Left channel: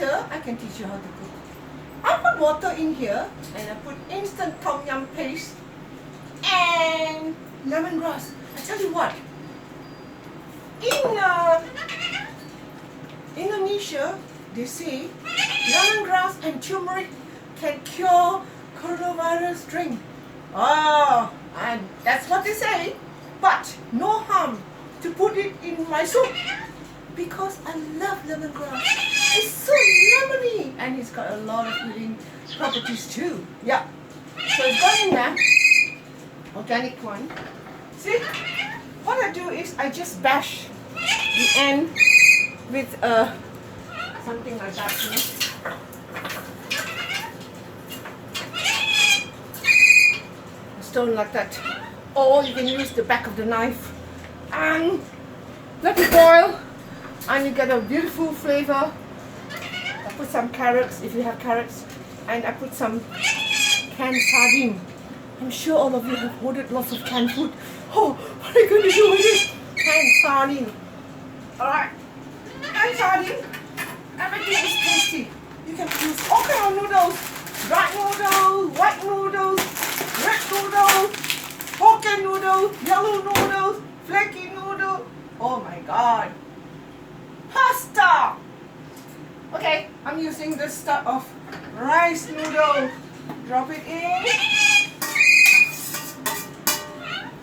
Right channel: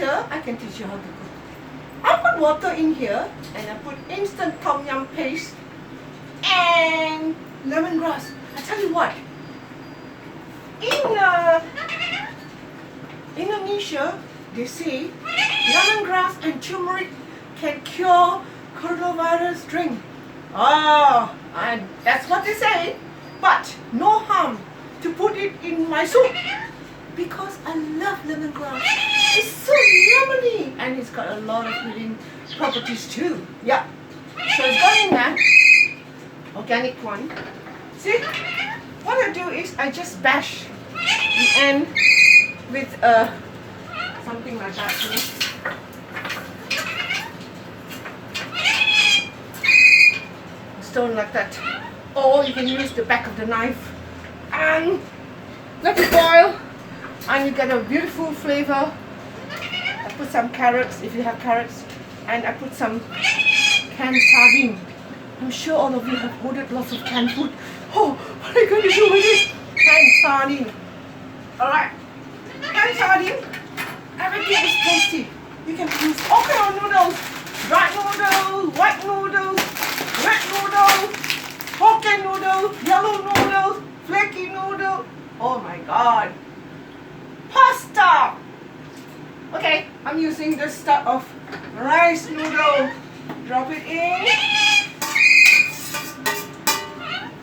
water. I can teach you how to cook. I put water in here and I put instant tom yum paste and lemongrass. I tell you what, in Indonesia, they say lemongrass and turmeric can cure coronavirus drink. Oh, and that's what they say. But no harm to put it in my soup because I love lemongrass. It's so lemony and it's got a lot of healing properties too. Yeah. So it's got in there. Organic one. See? What I do is I just bash the end with something like that. Stone like that. Or you can use the back of the knife and let it boil and you get a beautiful flavor. I put some carrots if you have carrots and I put some canned sardine. I'm sure all of you have ordered lots of canned food. Oh, what are you going to do with this? Canned sardine. Alright. Canned sardine. Everything is tasty. You can use all kind of noodles. Dried noodles, white noodles, red noodles, Hokkien noodles, yellow noodles, flaky noodles. Oh my god. Pasta. Okay, I'm using this stuff of rice noodle. Drop it in.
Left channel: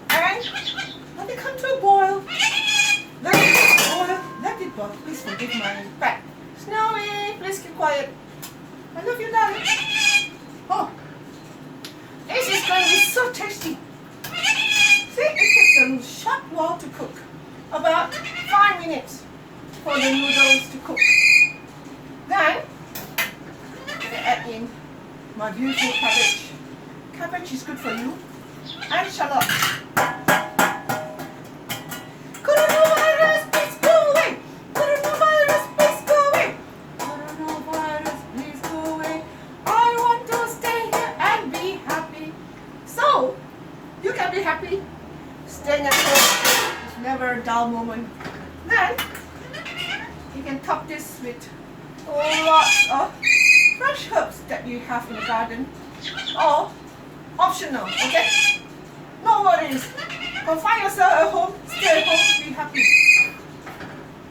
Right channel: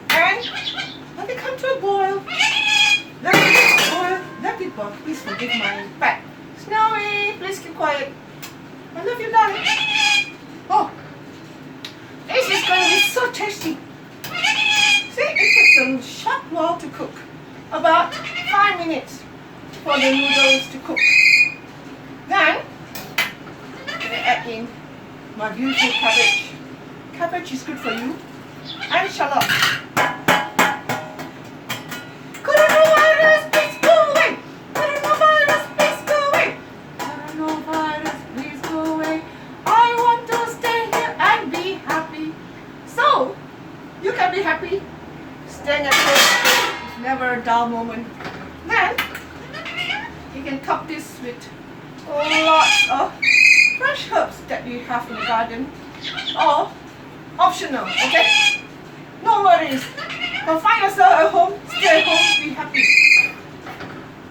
And let it come to a boil. Let it boil. Let it boil. Please forgive my pet. Snowy, please keep quiet. I love you, darling. Oh, this is going to be so tasty. See, it takes a short while to cook. About 5 minutes for the noodles to cook. Then, I'm going to add in my beautiful cabbage. Cabbage is good for you. And shallot. Coronavirus, please go away. Coronavirus, please go away. Coronavirus, please go away. I want to stay here and be happy. So, you can be happy. Staying at home is never a dull moment. Then, you can cup this with lots of fresh herbs that you have in the garden. Or optional, okay? No worries. Confine yourself at home, stay at home, be happy.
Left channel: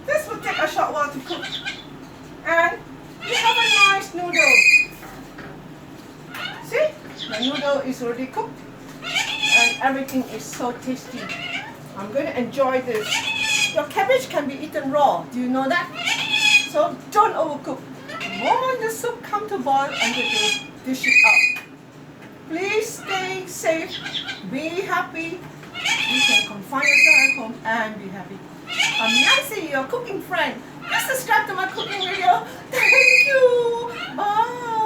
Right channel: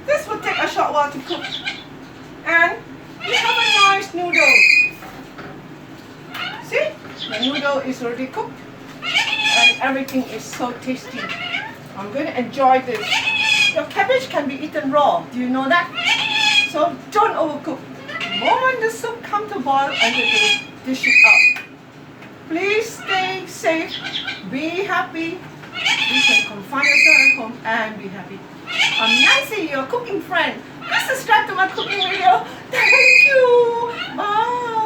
This will take a short while to cook. And you have a nice noodle. See? The noodle is already cooked. And everything is so tasty. I'm going to enjoy this. Your cabbage can be eaten raw. Do you know that? So don't overcook. The moment the soup comes to boil, and you dish it out. Please stay safe, be happy. You can confine yourself at home and be happy. I'm Nancy, your cooking friend. Please subscribe to my cooking video. Thank you. Bye.